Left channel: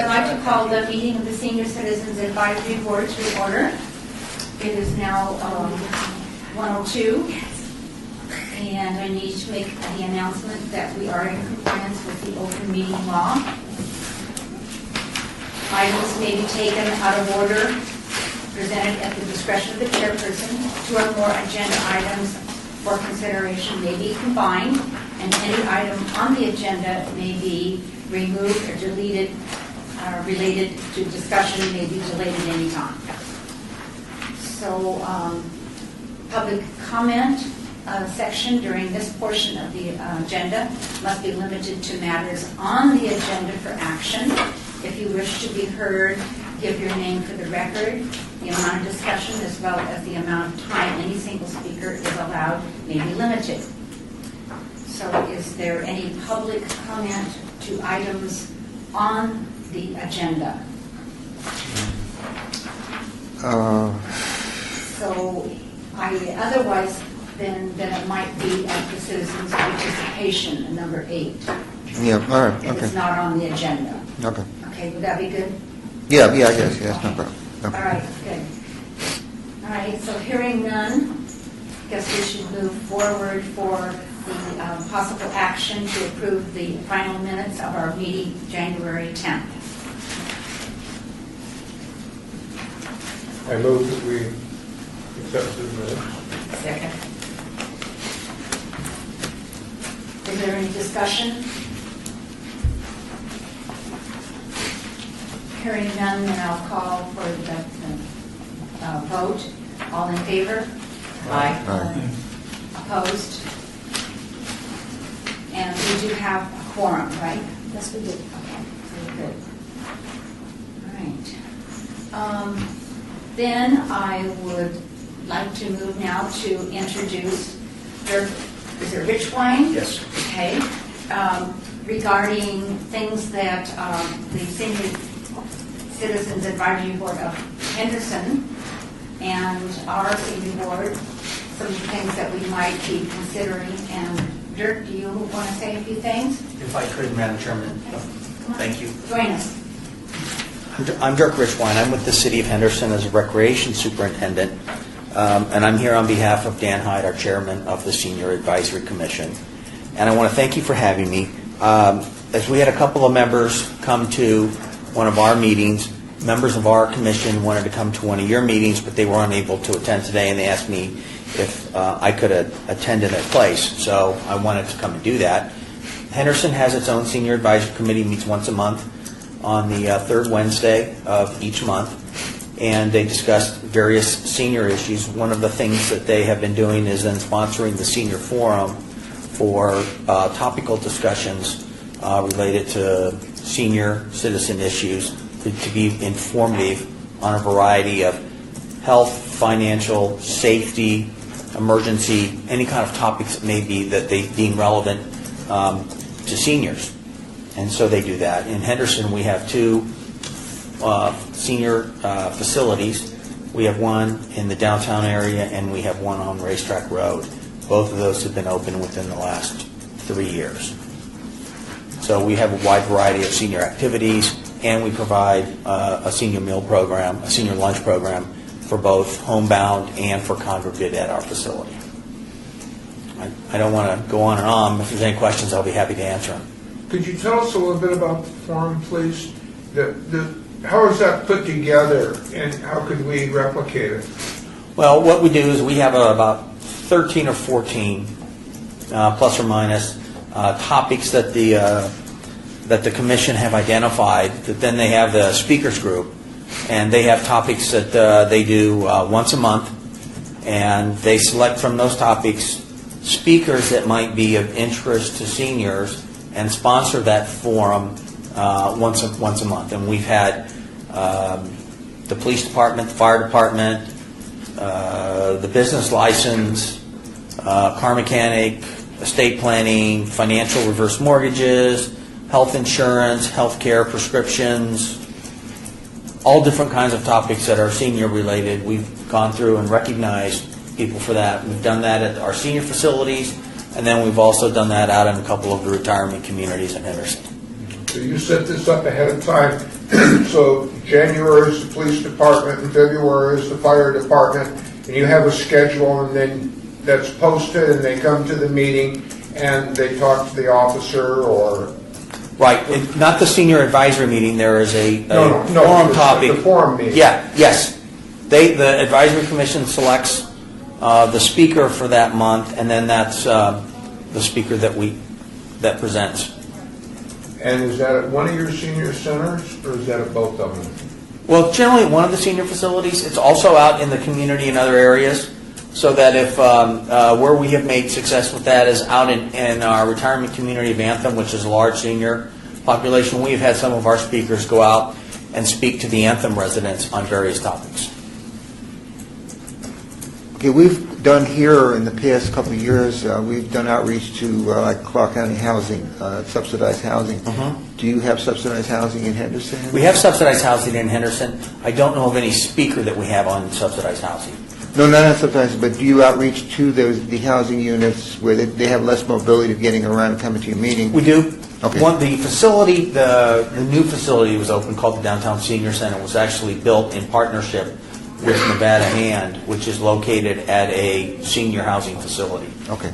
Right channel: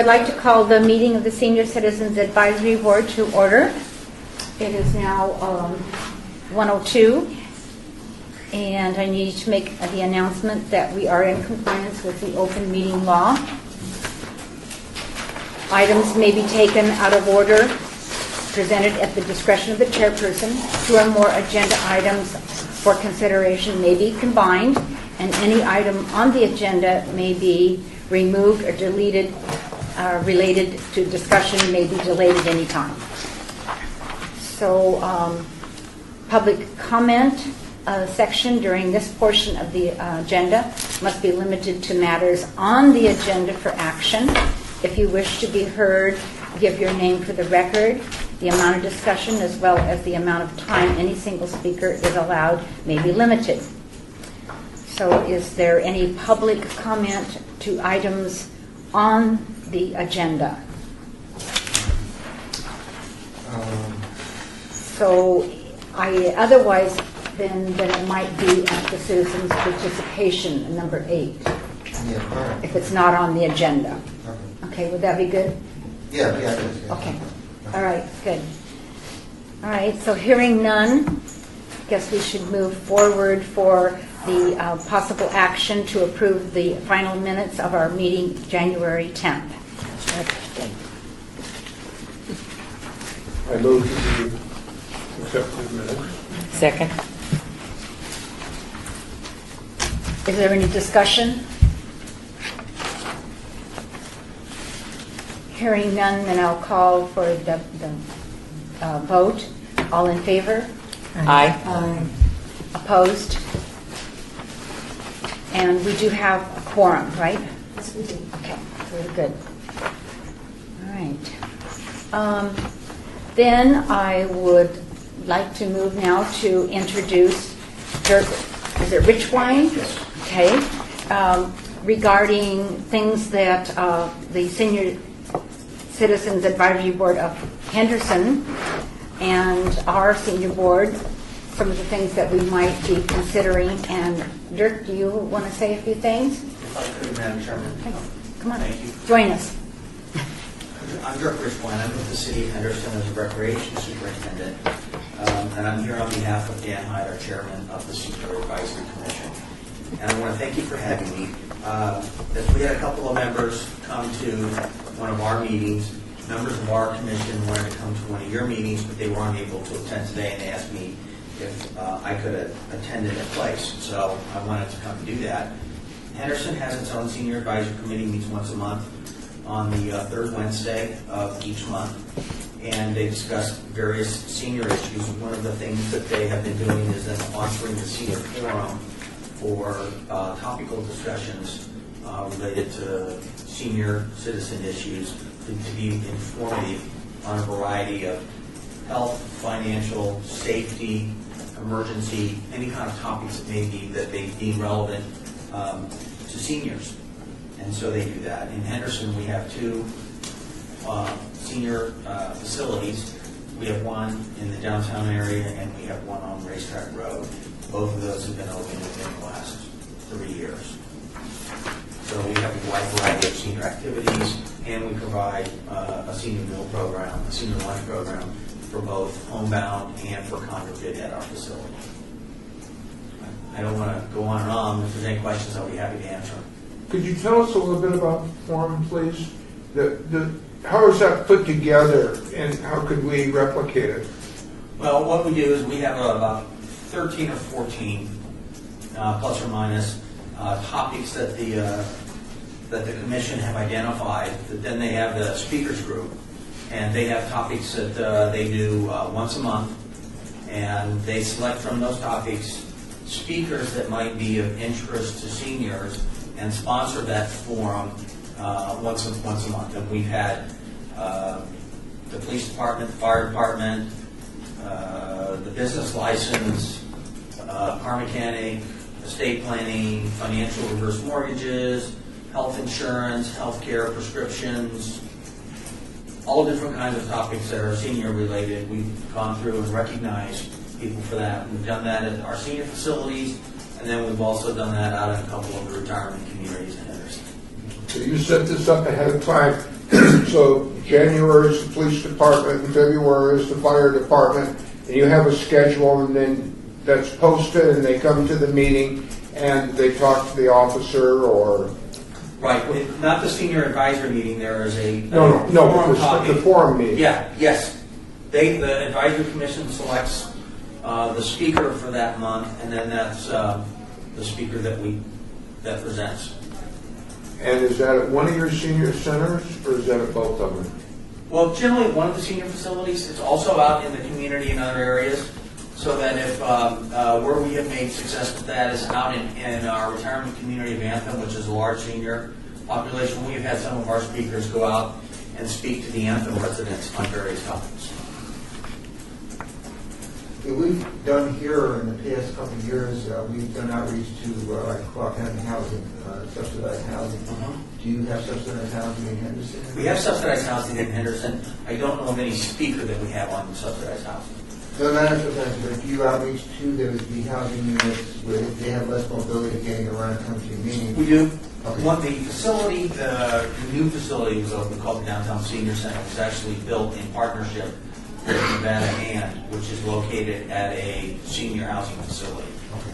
I'd like to call the meeting of the Senior Citizens Advisory Board to order. It is now 1:02, and I need to make the announcement that we are in compliance with the open meeting law. Items may be taken out of order, presented at the discretion of the chairperson. Two or more agenda items for consideration may be combined, and any item on the agenda may be removed or deleted. Related to discussion may be delayed at any time. So, public comment section during this portion of the agenda must be limited to matters on the agenda for action. If you wish to be heard, give your name for the record. The amount of discussion as well as the amount of time any single speaker is allowed may be limited. So is there any public comment to items on the agenda? So otherwise then it might be at the citizens' participation, number 8. Yeah, all right. If Okay. it's not on the agenda. Okay. Okay, would that be good? Yeah, I guess. Yeah, Okay. no problem. Okay. All right, good. All right, so hearing none, guess we should move forward for the possible action to approve the final minutes of our meeting January 10th. I move that we accept the minutes. Second. Is there any discussion? Hearing none, then I'll call for the vote. All in favor? Aye. Opposed? And we do have a quorum, right? Yes, we do. Okay, very good. All right. Then I would like to move now to introduce Dirk, is it Richwine? Yes. Okay. Regarding things that the Senior Citizens Advisory Board of Henderson and our senior board, some of the things that we might be considering. And Dirk, do you want to say a few things? If I could, Madam Chairman. Come on. Thank you. Join us. I'm Dirk Richwine. I'm with the City of Henderson as a Recreation Superintendent, and I'm here on behalf of Dan Hyde, our Chairman of the Senior Advisory Commission. And I want to thank you for having me. As we had a couple of members come to one of our meetings, members of our commission wanted to come to one of your meetings, but they were unable to attend today, and they asked me if I could attend in their place. So I wanted to come and do that. Henderson has its own Senior Advisory Committee, meets once a month on the third Wednesday of each month, and they discuss various senior issues. One of the things that they have been doing is then sponsoring the Senior Forum for topical discussions related to senior citizen issues to be informative on a variety of health, financial, safety, emergency, any kind of topics that may be that they deem relevant to seniors. And so they do that. In Henderson, we have 2 senior facilities. We have one in the downtown area, and we have one on Racetrack Road. Both of those have been open within the last 3 years. So we have a wide variety of senior activities, and we provide a senior meal program, a senior lunch program for both homebound and for congregate at our facility. I don't want to go on and on. If there's any questions, I'll be happy to answer them. Could you tell us a little bit about the forum, please? How is that put together, and how could we replicate it? Well, what we do is we have about 13 or 14, plus or minus, topics that the commission have identified. That then they have the speakers group, and they have topics that they do once a month, and they select from those topics speakers that might be of interest to seniors and sponsor that forum once a month. And we've had the police department, the fire department, the business license, car mechanic, estate planning, financial reverse mortgages, health insurance, healthcare, prescriptions, all different kinds of topics that are senior related. We've gone through and recognized people for that. We've done that at our senior facilities, and then we've also done that out in a couple of the retirement communities in Henderson. So you set this up ahead of time So January is the police department, and February is the fire department, and you have a schedule, and then that's posted, and they come to the meeting, and they talk to the officer, or... Right, not the senior advisory meeting, there is a No, forum topic. the forum meeting. Yeah, yes. The advisory commission selects the speaker for that month, and then that's the speaker that presents. And is that at one of your senior centers, or is that at both of them? Well, generally at one of the senior facilities. It's also out in the community in other areas, so that if where we have made success with that is out in our retirement community of Anthem, which is a large senior population. We've had some of our speakers go out and speak to the Anthem residents on various topics. Okay, we've done here in the past couple of years, we've done outreach to like Clark County housing, subsidized housing. Do you have subsidized housing in Henderson? We have subsidized housing in Henderson. I don't know of any speaker that we have on subsidized housing. No, not subsidized, but do you outreach to the housing units where they have less mobility of getting around and coming to your meeting? We do. Okay. The facility, the new facility was open called the Downtown Senior Center. Was actually built in partnership with Nevada Hand, which is located at a senior housing facility. Okay.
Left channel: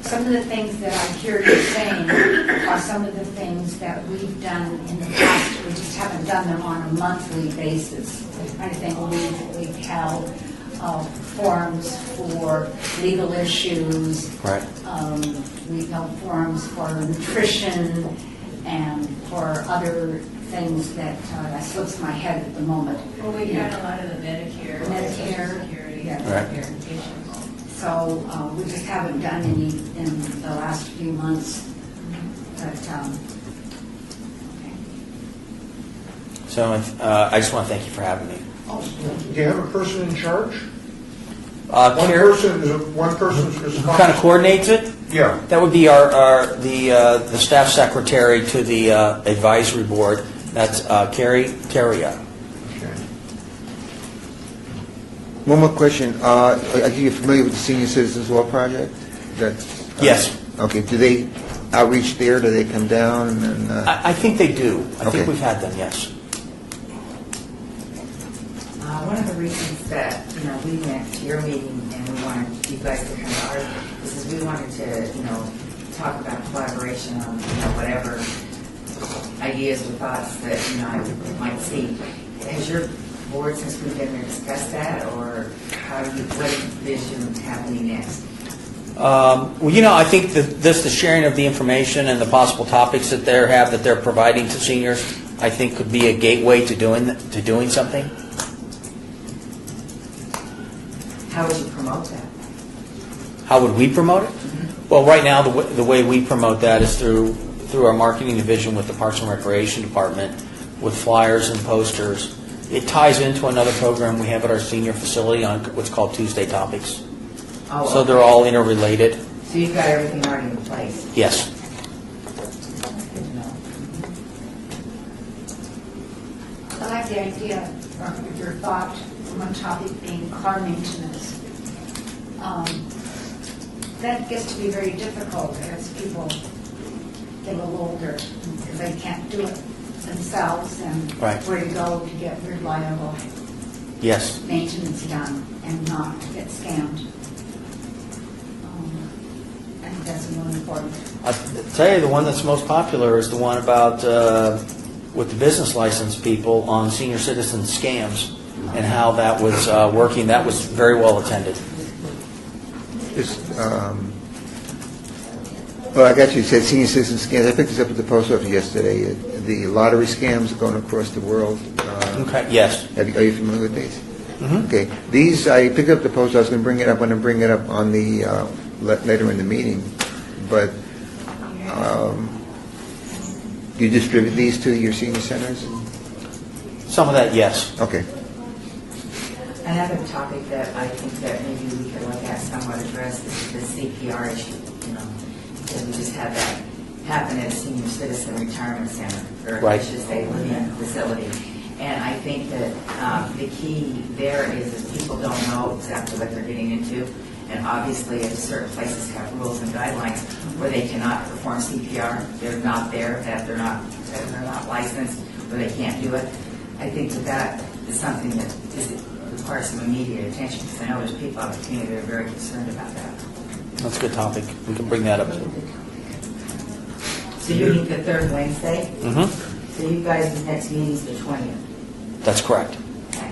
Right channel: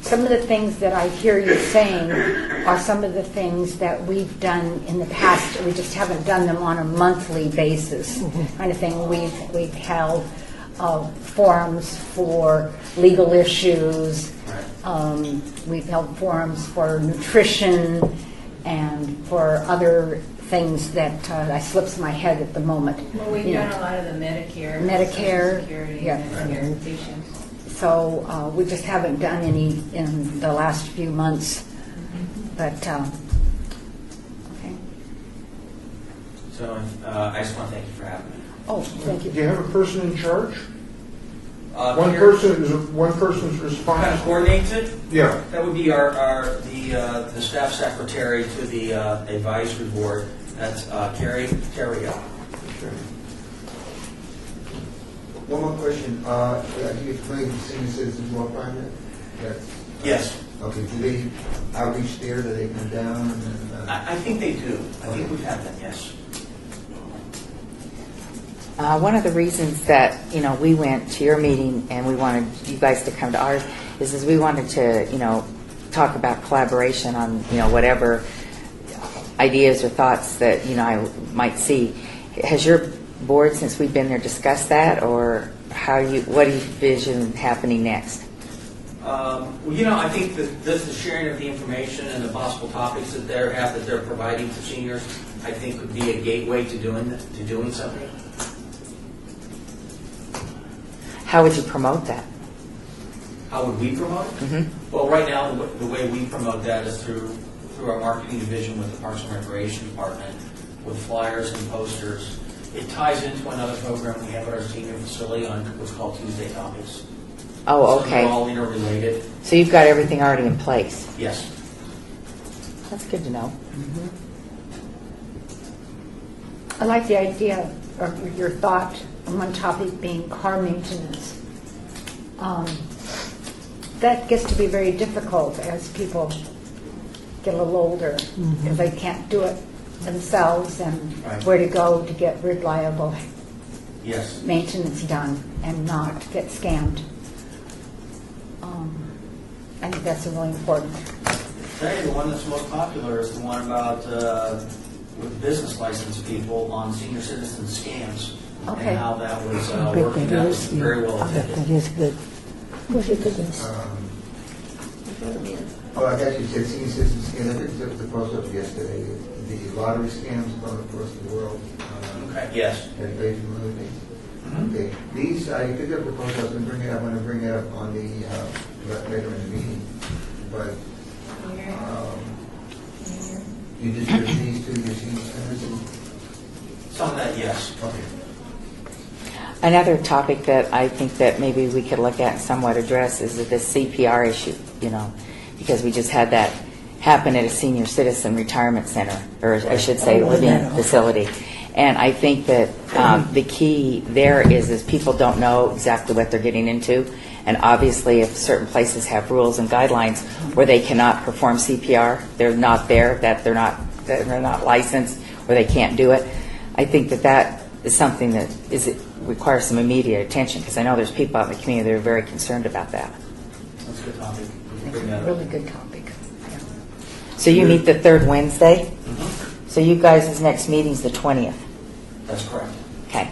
Some of the things that I hear you saying are some of the things that we've done in the past. We just haven't done them on a monthly basis, kind of thing. We've held forums for legal issues. Right. We've held forums for nutrition and for other things that slips my head at the moment. Well, we've You done know. a lot of the Medicare, Medicare, Social Security, yeah. Right. verifications. So we just haven't done any in the last few months. But okay. So I just want to thank you for having me. Oh, thank Do you. you have a person in charge? One One person's kind of responsible? coordinates it. Yeah. That would be the staff secretary to the advisory board. That's Carrie Terria. Okay. One more question. I think you're familiar with the Senior Citizens Law Project? Yes. Okay, do they outreach there? Do they come down? And I think they do. I Okay. think we've had them, yes. One of the reasons that, we went to your meeting and we wanted you guys to come to ours is we wanted to, talk about collaboration on, whatever ideas or thoughts that, I might see. Has your board, since we've been there, discussed that, or what do you envision happening next? I think that the sharing of the information and the possible topics that they're providing to seniors, I think could be a gateway to doing something. How would you promote that? How would we promote it? Well, right now, the way we promote that is through our marketing division with the Parks and Recreation Department, with flyers and posters. It ties into another program we have at our senior facility on what's called Tuesday Topics. Oh, okay. So they're all interrelated. So you've got everything already in place. Yes. That's good to know. I like the idea of your thought on one topic being car maintenance. That gets to be very difficult as people get a little older because they can't do it themselves and Right. where to go to get reliable Yes. maintenance done and not get scammed. I think that's really important. I'll tell you, the one that's most popular is the one about with the business license people on senior citizen scams and Okay. how that was working. That was very well attended. well, I got you. It said Senior Citizen scams. I picked this up at the post office yesterday. The lottery scams are going across the world. Okay. Yes. Are you familiar with these? Mhm. Okay. These, I picked up the post. I was going to bring it up. I'm going to bring it up on the later in the meeting. But you distribute these to your senior centers? Some of that, yes. Okay. Another topic that I think that maybe we could look at, somewhat address, is the CPR issue, because we just had that happen at a senior citizen retirement center, or I Right. should say living facility. And I think that the key there is people don't know exactly what they're getting into. And obviously, if certain places have rules and guidelines where they cannot perform CPR, they're not they're not licensed or they can't do it. I think that is something that requires some immediate attention, because I know there's people out in the community that are very concerned about that. That's a good topic. We can bring that up. Really good topic. So you meet the third Wednesday? Mhm. So you guys' next meeting's the 20th? That's correct. Okay.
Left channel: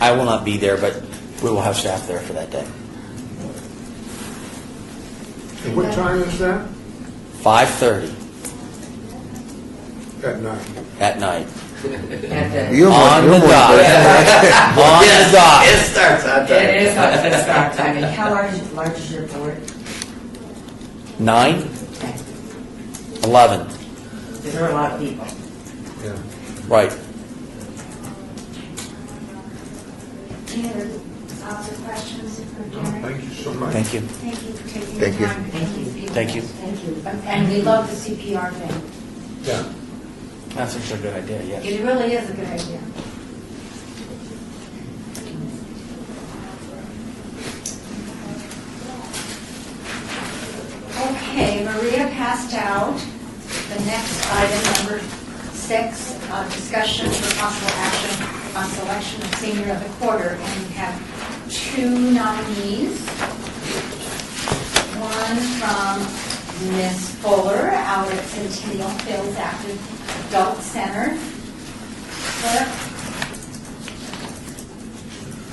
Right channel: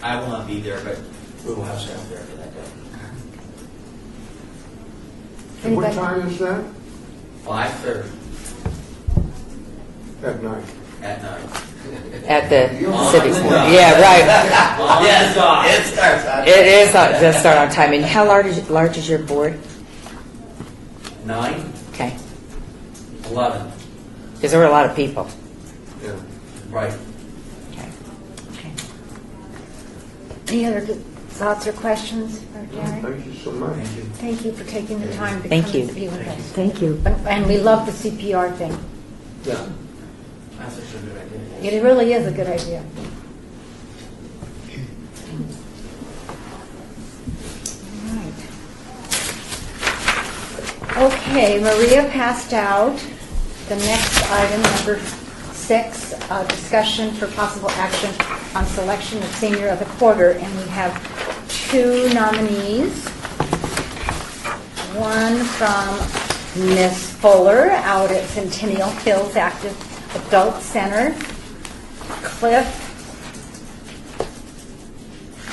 I will not be there, but we will have staff there for that day. And what time is that? 5:30 At night. at night. At the... You're more- On you're the more- dot. Yeah, right. On the dot. It starts on It is, it does start on time. And how large is your board? 9, Okay. 11. Because there were a lot of people. Yeah. Right. Any other thoughts or questions for Janet? Thank you so much. Thank you. Thank you for taking the Thank you. time to Thank come you. and be with Thank us. you. Thank you. And we love the CPR thing. Yeah. That's actually a good idea, yes. It really is a good idea. Okay, Maria passed out the next item, number 6, discussion for possible action on selection of senior of the quarter. And we have 2 nominees. One from Miss Fuller out at Centennial Hills Active Adult Center. Cliff,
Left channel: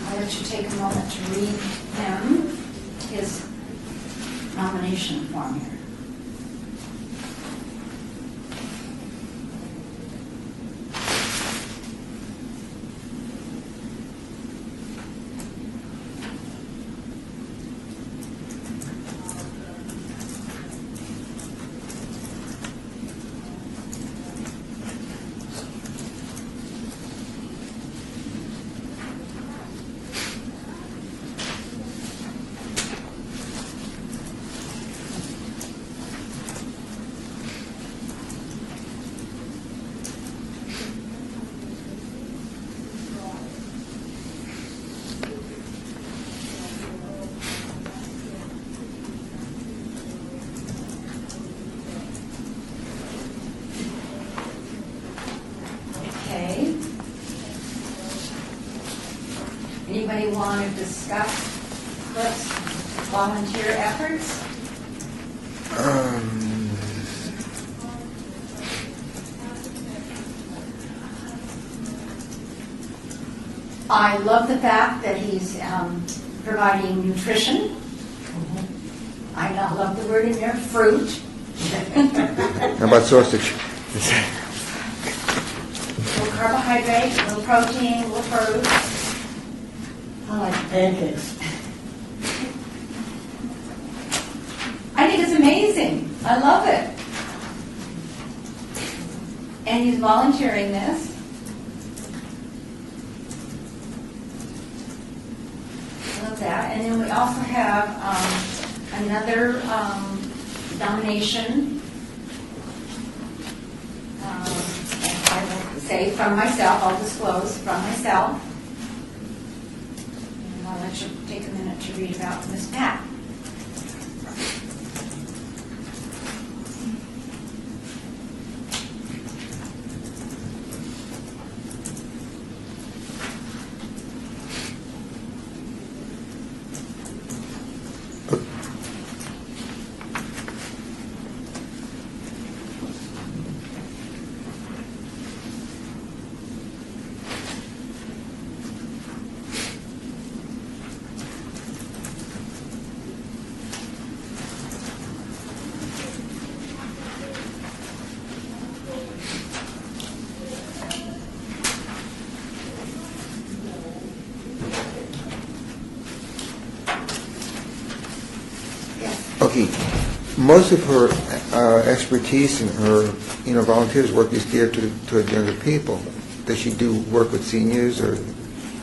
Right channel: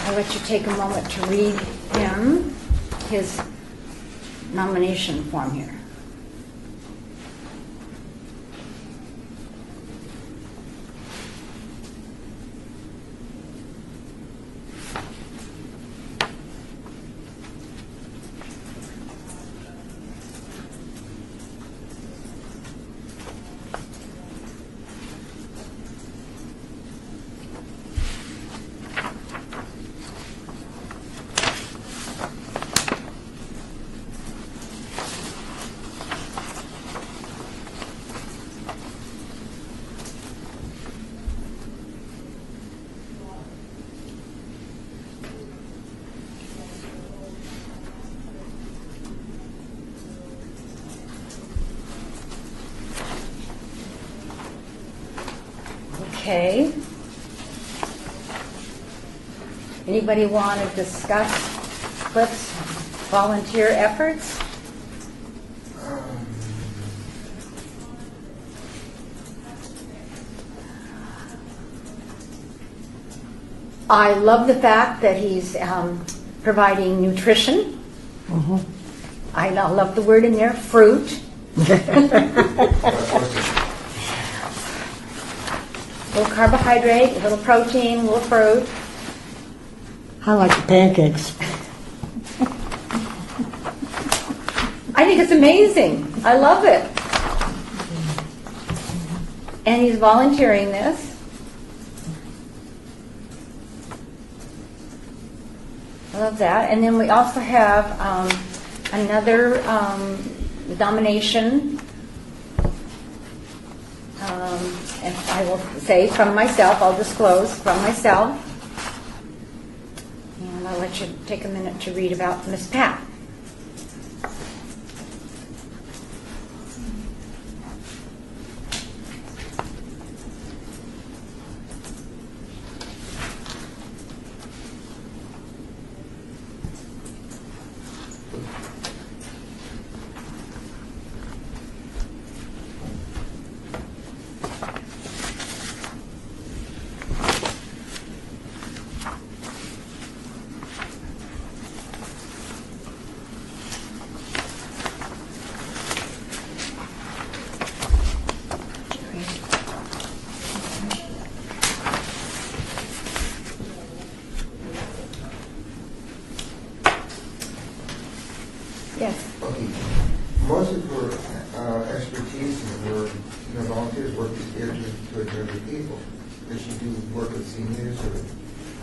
I'll let you take a moment to read him his nomination form here. Okay. Anybody want to discuss Cliff's volunteer efforts? I love the fact that he's providing nutrition. I not love the word in there, fruit. How about sausage? A little carbohydrate, a little protein, a little fruit. I like pancakes. I think it's amazing. I love it. And he's volunteering this. I love that. And then we also have another nomination. And I will say from myself, I'll disclose from myself. And I'll let you take a minute to read about Miss Pat. Yes. Okay, most of her expertise and her, volunteers work is geared toward younger people. Does she do work with seniors or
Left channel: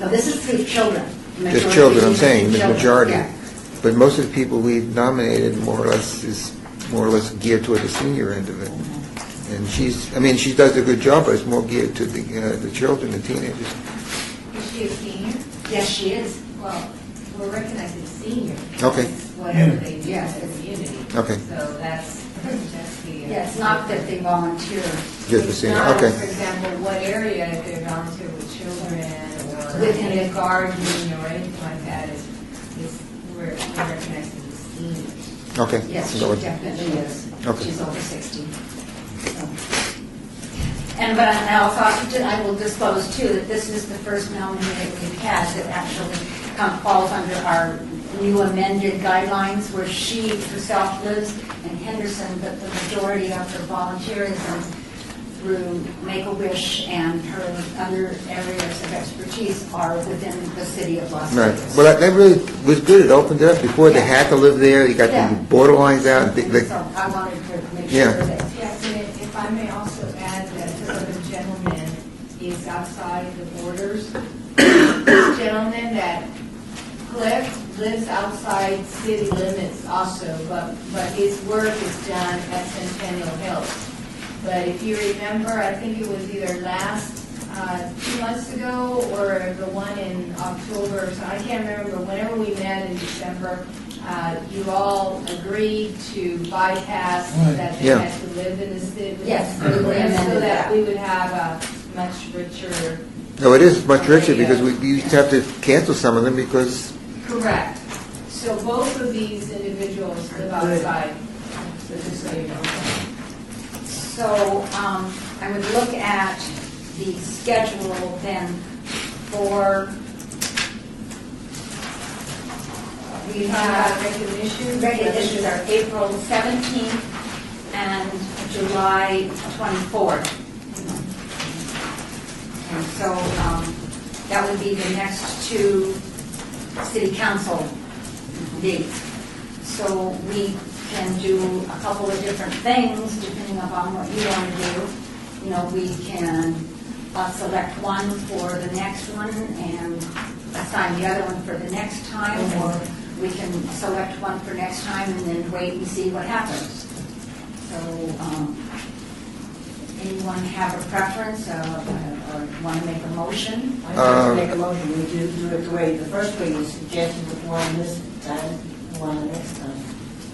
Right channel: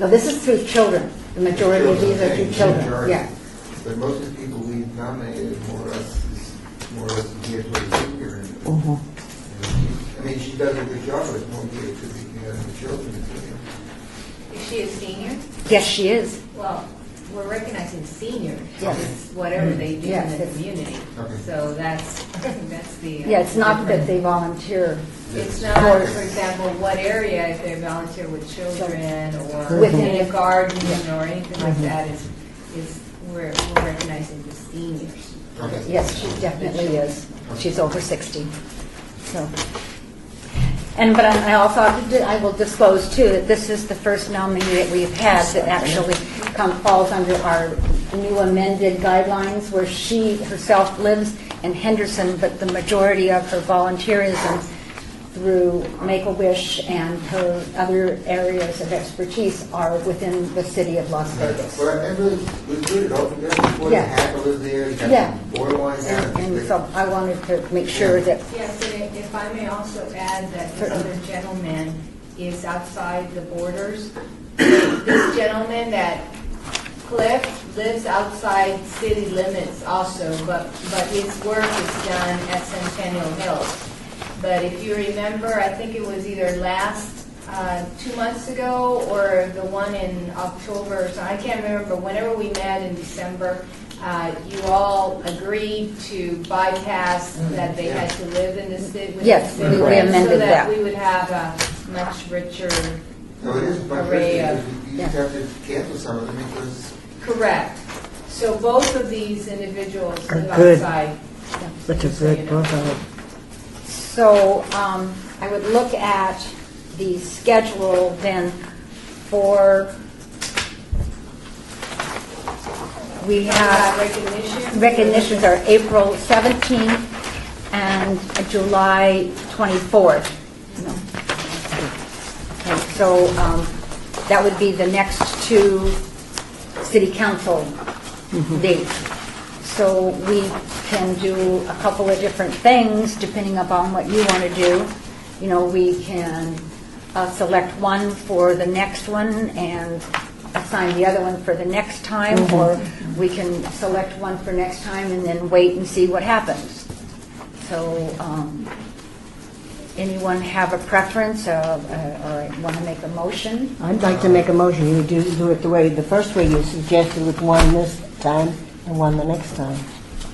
No, this is through children. The just majority children? of I'm these are saying, through the children. majority. Yeah. But most of the people we've nominated is more or less geared toward the senior end of it. And she does a good job, but it's more geared to the children, the teenagers. Is she a senior? Yes, she is. Well, we're recognizing seniors. Okay. It's whatever they do in Yes, the it's- community. Okay. So that's see it. Yeah, it's not that they volunteer. Just the It's same, not, okay. for example, what area, if they volunteer with children or Within in a the- garden or anything like that, is we're recognizing the seniors. Okay. Yes, she So- definitely is. Okay. She's over 60. So, but I also I will disclose too that this is the first nominee that we've had that actually falls under our new amended guidelines, where she herself lives in Henderson, but the majority of her volunteerism through Make-A-Wish and her other areas of expertise are within the city of Las Right. Vegas. Well, that really was good. It opened it up. Before they Yeah. had to live there. You got Yeah. the borderlines out. And so I wanted to make sure Yeah. that Yes, and if I may also add that this other gentleman is outside the borders. This gentleman, that Cliff, lives outside city limits also, but his work is done at Centennial Hills. But if you remember, I think it was either last 2 months ago or the one in October, so I can't remember, but whenever we met in December, you all agreed to bypass that they Yeah. had to live in the city. Yes, we amended So that. that we would have a much richer, No, it is much richer Yeah. because we used to have to cancel some of them because correct. So both of these individuals Are live good. outside. Such a good book of it. So I would look at the schedule then for, we have, Recognition. recognitions are April 17th and July 24th. Okay, so that would be the next two city council dates. So we can do a couple of different things depending upon what you want to do. You know, we can select one for the next one and assign the other one for the next time, or we can select one for next time and then wait and see what happens. So, anyone have a preference or want to make a motion? I'd like to make a motion, you do it the first way you suggested, with one this time and one the next time.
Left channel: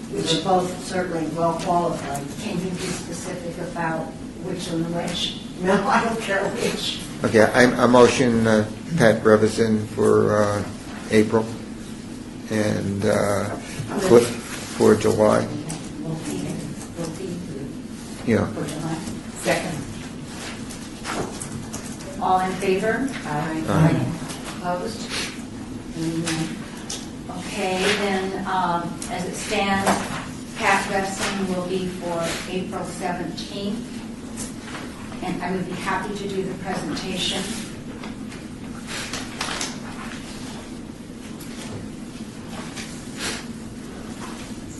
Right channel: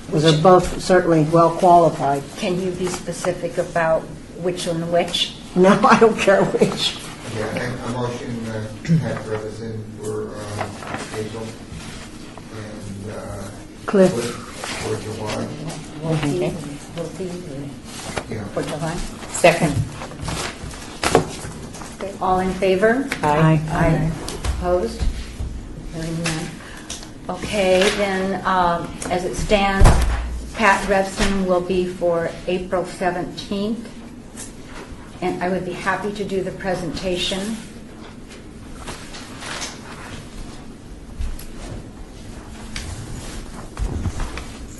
Because they're both certainly well qualified. Can you be specific about which and which? No, I don't care which. okay, I motion Pat Brevison for April and Cliff. Cliff for July. We'll see. We'll see. Yeah. For July. Second. All in favor? Aye. Aye. Opposed? Hearing none. Okay, then, as it stands, Pat Revson will be for April 17th, and I would be happy to do the presentation.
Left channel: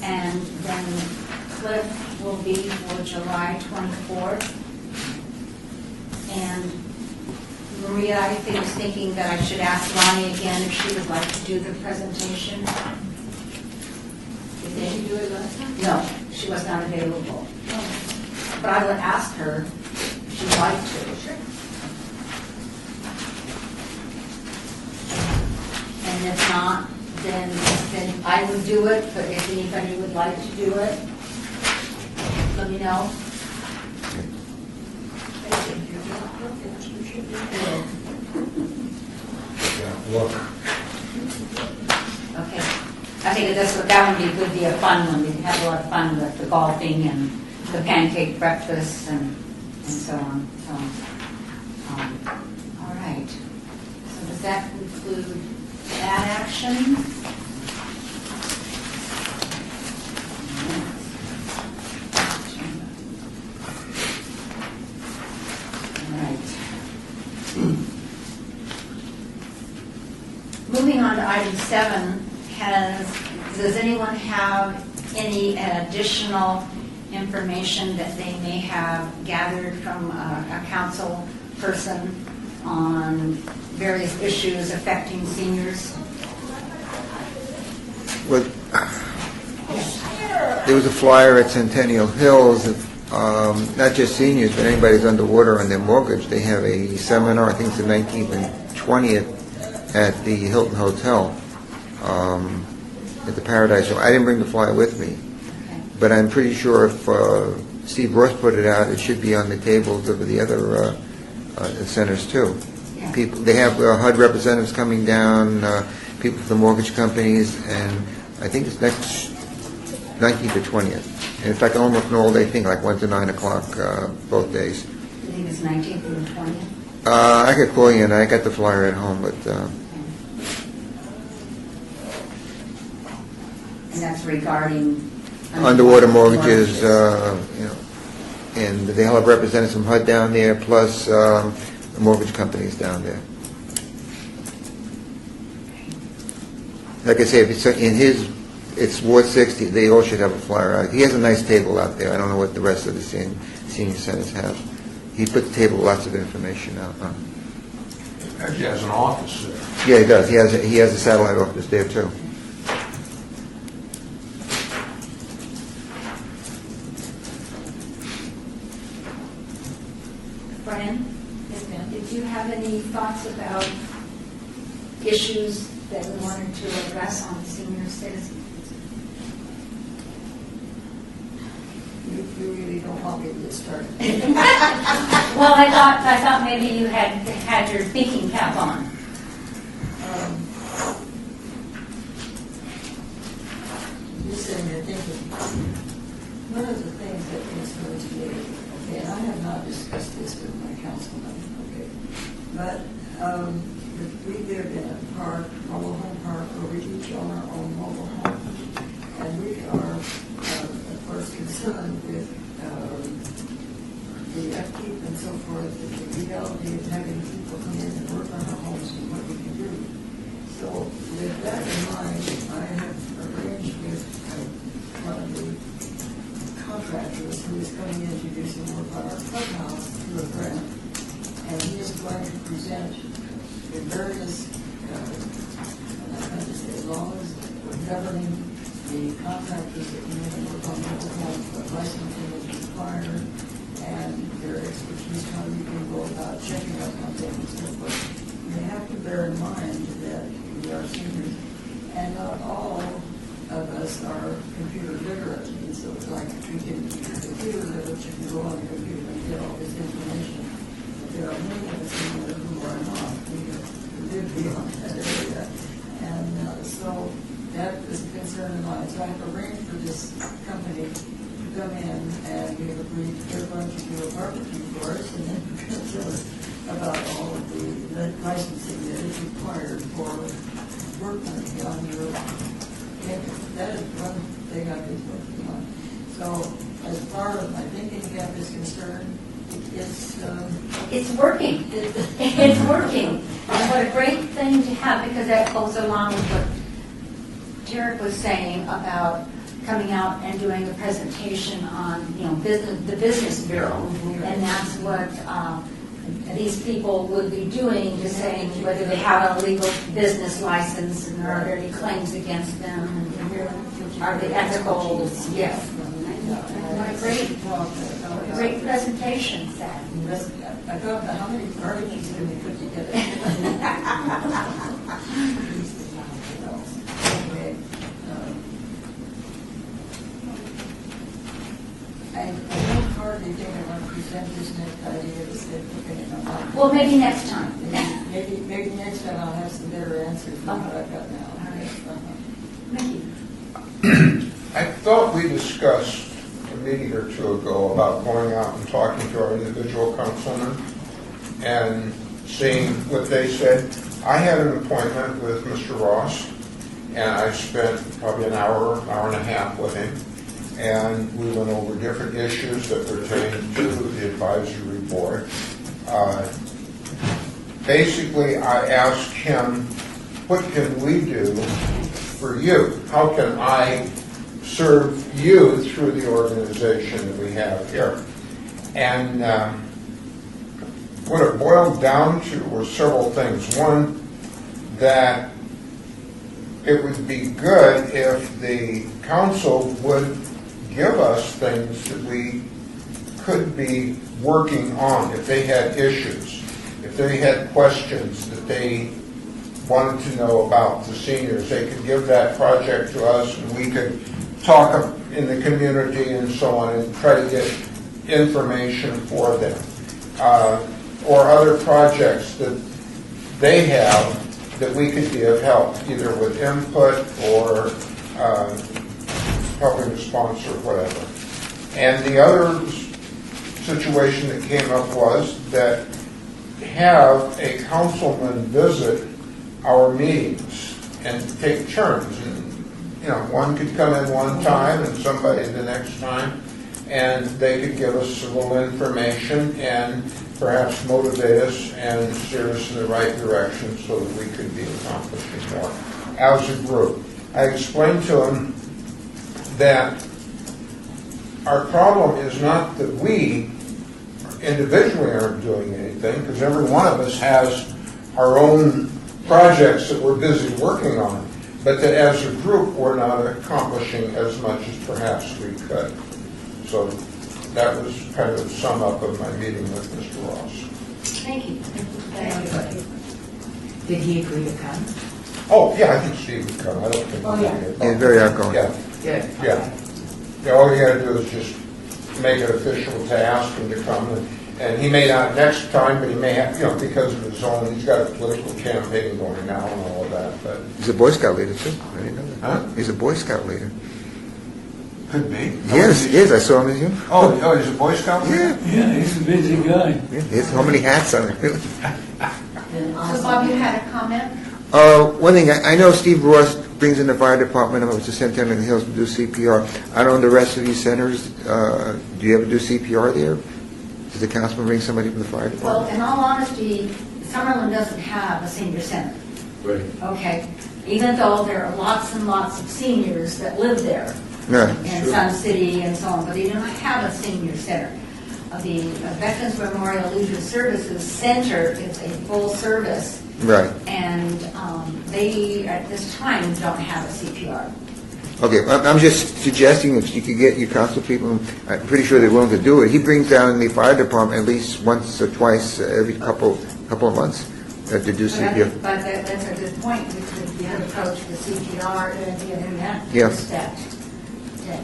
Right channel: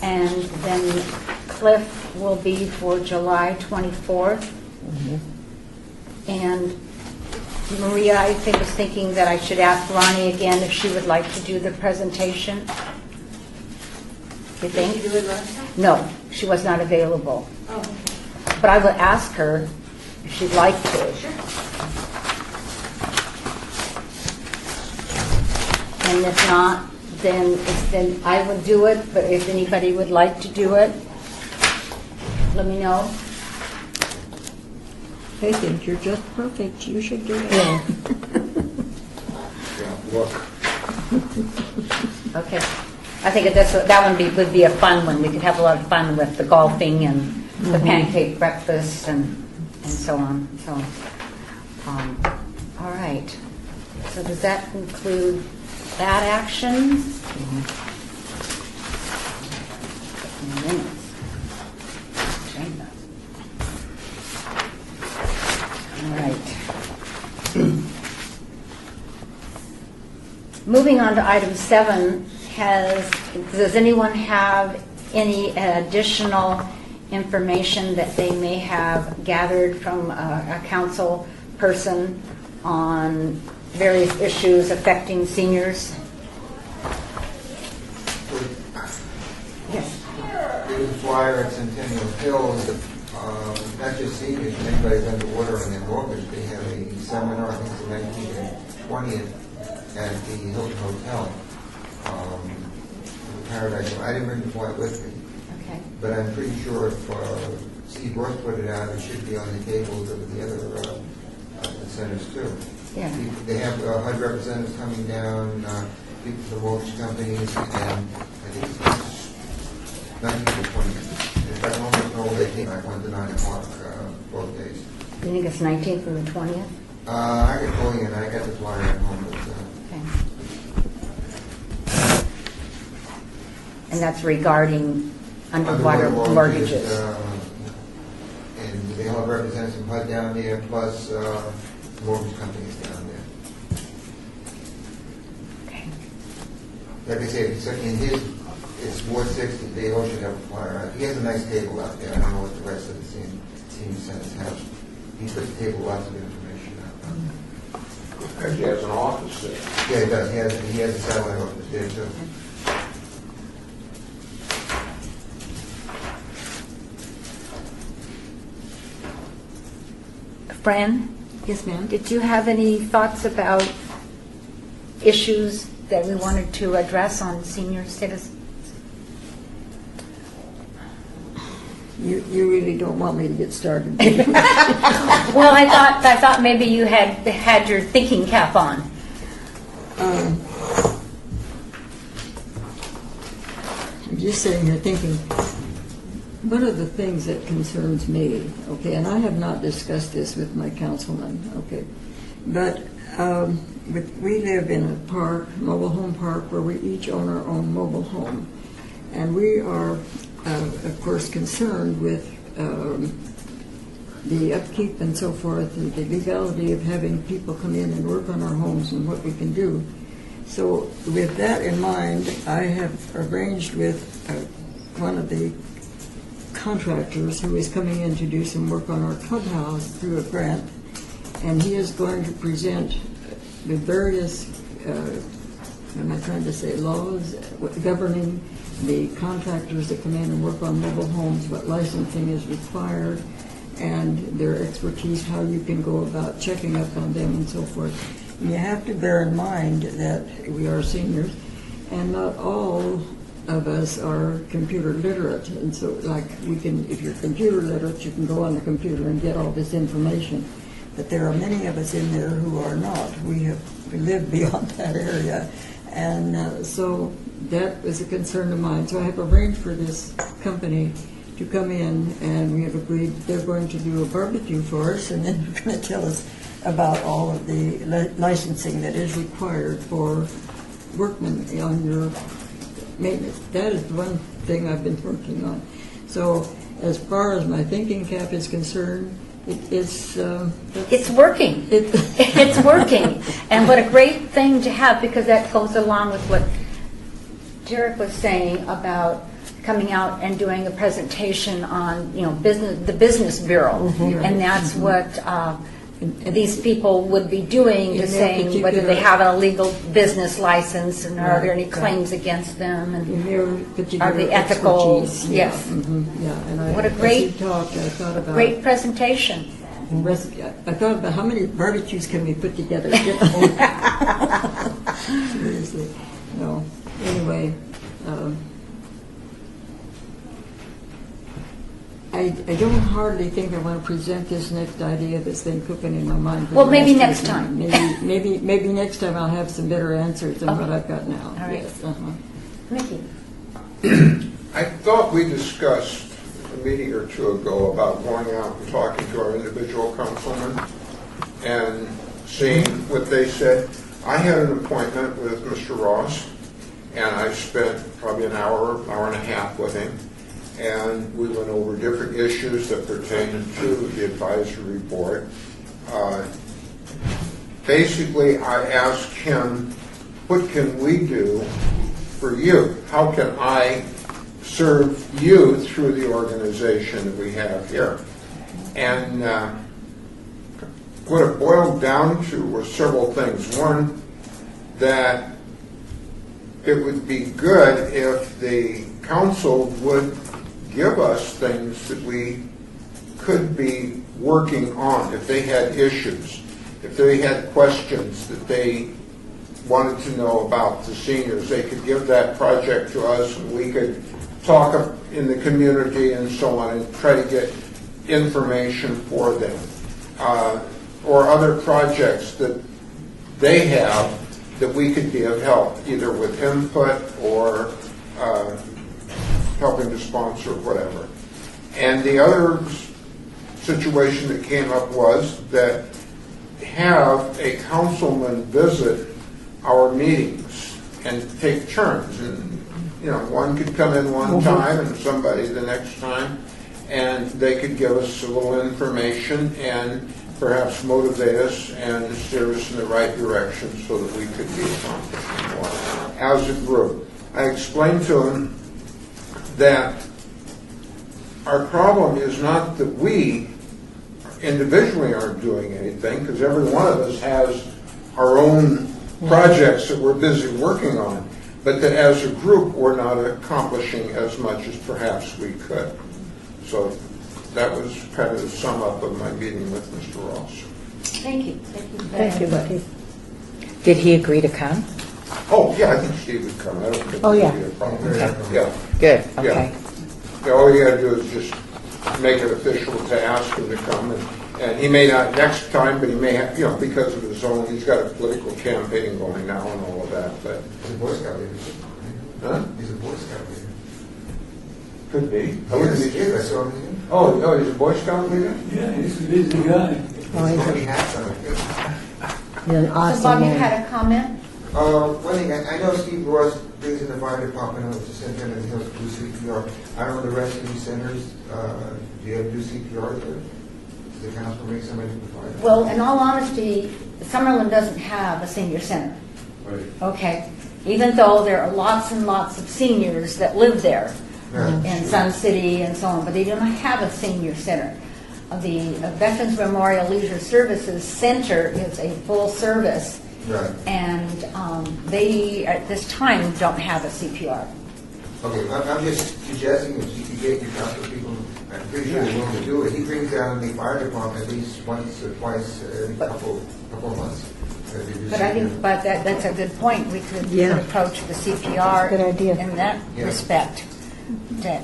And then Cliff will be for July 24th. And Maria, I was thinking that I should ask Ronnie again if she would like to do the presentation. You think? Do it last time? No, she was not available. But I would ask her if she'd like to. And if not, then I would do it, but if anybody would like to do it, let me know. They think you're just perfect, you should do it. Look, Okay. I think that would be a fun one. We could have a lot of fun with the golfing and the pancake breakfast and so on. So, all right. So does that conclude that action? Minutes. Agenda. All right. Moving on to item 7, does anyone have any additional information that they may have gathered from a council person on various issues affecting seniors? But there was a flyer at Centennial Hills of not just seniors, but anybody who's underwater on their mortgage. They have a seminar, I think it's the 19th and 20th, at the Hilton Hotel at the Paradise Hotel. I didn't bring the flyer with me, Okay. but I'm pretty sure if Steve Ross put it out, it should be on the tables of the other centers too. Yeah. People, they have HUD representatives coming down, people from the mortgage companies, and I think it's next 19th or 20th. And it's like almost an all-day thing, like 1 to 9 o'clock both days. You think it's 19th and the 20th? I could call you, and I got the flyer at home, but Okay. And that's regarding underwater mortgages, you know, and they'll have representatives from HUD down there, plus the mortgage companies down there. Okay. Like I say, if it's in his, it's Ward 60, they all should have a flyer out. He has a nice table out there. I don't know what the rest of the senior centers have. He put the table lots of information out. Actually has an office there. Yeah, he does. He has a satellite office there too. Fran? Yes, ma'am. Did you have any thoughts about issues that we wanted to address on senior citizens? You really don't want me to get started. Well, I thought maybe you had your thinking cap on. I'm just sitting here thinking, one of the things that concerns me, okay, and I have not discussed this with my councilman, okay, but we live in a park, mobile home park, where we each own our own mobile home. And we are, of course, concerned with the upkeep and so forth, the legality of having people come in and work on our homes and what we can do. So with that in mind, I have arranged with one of the contractors who is coming in to do some work on our clubhouse through a grant, and he is going to present the various, I'm not trying to say laws, governing the contractors that come in and work on mobile homes, what licensing is required, and their expertise, how you can go about checking up on them and so forth. You have to bear in mind that we are seniors, and not all of us are computer literate, and so like we can, if you're computer literate, you can go on the computer and get all this information. But there are many of us in there who are not. We live beyond that area, and so that is a concern of mine. So I have arranged for this company to come in, and we have agreed they're going to do a barbecue for us, and then they're going to tell us about all of the licensing that is required for workmen on your maintenance. That is one thing I've been working on. So as far as my thinking cap is concerned, it's working. It's working. And what a great thing to have, because that goes along with what Derek was saying about coming out and doing a presentation on, you know, the business bureau. Mm-hmm. And that's what these people would be doing, is saying particular- whether they have a legal business license and are there any claims against them, and are they ethical? Expertise. Yes. Yeah, and What a as great- we talked, I thought about Great presentation. I thought about how many barbecues can we put together. So, anyway, I don't hardly think I want to present this next idea that's been cooking in my mind. Well, maybe next time. Maybe next time I'll have some better answers than what Okay. I've got now. All right. Yes, Mickey? I thought we discussed a meeting or two ago about going out and talking to our individual councilmen and seeing what they said. I had an appointment with Mr. Ross, and I spent probably an hour and a half with him, and we went over different issues that pertain to the advisory board. Basically, I asked him, what can we do for you? How can I serve you through the organization that we have here? And what it boiled down to were several things. One, that it would be good if the council would give us things that we could be working on if they had issues, if they had questions that they wanted to know about the seniors. They could give that project to us, and we could talk in the community and so on and try to get information for them, or other projects that they have that we could be of help, either with input or helping to sponsor, whatever. And the other situation that came up was that have a councilman visit our meetings and take turns. And, one could come in one time and somebody the next time, and they could give us a little information and perhaps motivate us and steer us in the right direction so that we could be accomplishing more as a group. I explained to them that our problem is not that we individually aren't doing anything, because every one of us has our own projects that we're busy working on, but that as a group we're not accomplishing as much as perhaps we could. So that was kind of the sum up of my meeting with Mr. Ross. Thank you. Thank you, Becky. Did he agree to come? Oh, yeah, I think Steve would come. I don't think Oh, yeah. he'd be a problem. He's very outgoing. Yeah. Good, Yeah. okay. Yeah, all you gotta do is just make it official to ask him to come, and he may not next time, but he may have, because of his own, he's got a political campaign going now and all of that, but. He's a Boy Scout leader, too. I didn't know that. Huh? He's a Boy Scout leader. Could be. Yes, I saw him in you. Oh, he's a Boy Scout leader? Yeah, he's a busy guy. He has so many hats on him. You're an So awesome Bob, you man. had a comment? One thing, I know Steve Ross brings in the fire department over to Centennial Hills to do CPR. I don't know the rest of these centers. Do you ever do CPR there? Does the councilman bring somebody from the fire department? Well, in all honesty, Summerlin doesn't have a senior center. Right. Okay, even though there are lots and lots of seniors that live there No. in Sun City and so on, but they do not have a senior center. The Veterans Memorial Leisure Services Center is a full service, Right. and they, at this time, don't have a CPR. Okay, I'm just suggesting if you could get your council people, I'm pretty sure they're willing to do it. He brings down the fire department at least once or twice every couple of months to do But I CPR. think, but that's a good point. We could Yeah. approach the CPR Good idea. in that Yeah. respect,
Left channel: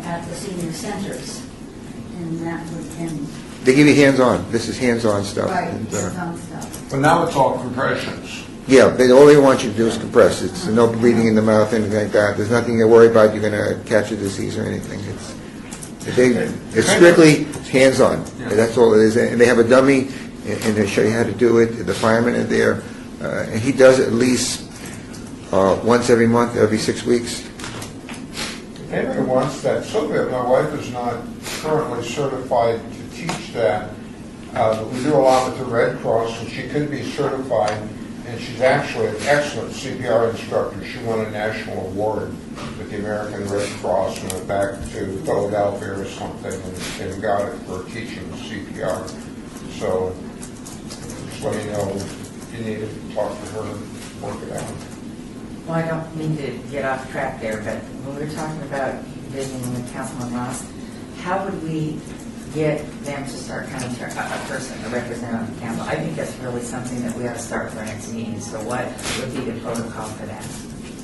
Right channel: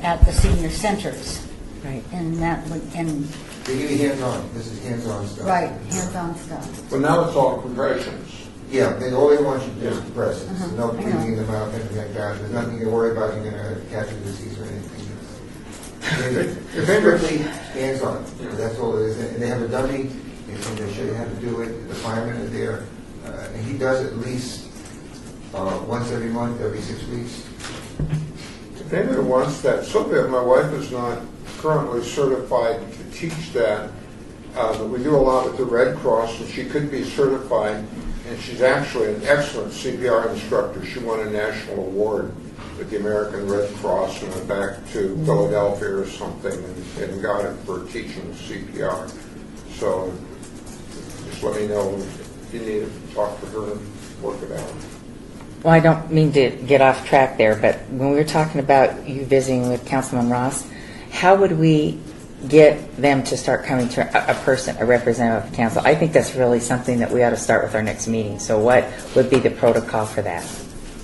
at the senior centers. Right. And that would, and, They give you hands-on. This is hands-on stuff. right, hands-on stuff. But now it's all compressions. Yeah, all they want you to do is compress. It's no bleeding in the mouth, anything like that. There's nothing to worry about. You're going to catch a disease or anything. It's strictly hands-on. That's all it is. And they have a dummy, and they show you how to do it. The firemen are there. And he does it at least once every month, every 6 weeks. If anyone wants that, Sylvia, my wife, is not currently certified to teach that, but we do a lot with the Red Cross, and she could be certified, and she's actually an excellent CPR instructor. She won a national award with the American Red Cross and went back to Philadelphia or something and got it for teaching CPR. So just let me know if you need to talk to her and work it out. Well, I don't mean to get off track there, but when we were talking about you visiting with Councilman Ross, how would we get them to start coming to a representative of the council? I think that's really something that we ought to start with our next meeting. So what would be the protocol for that?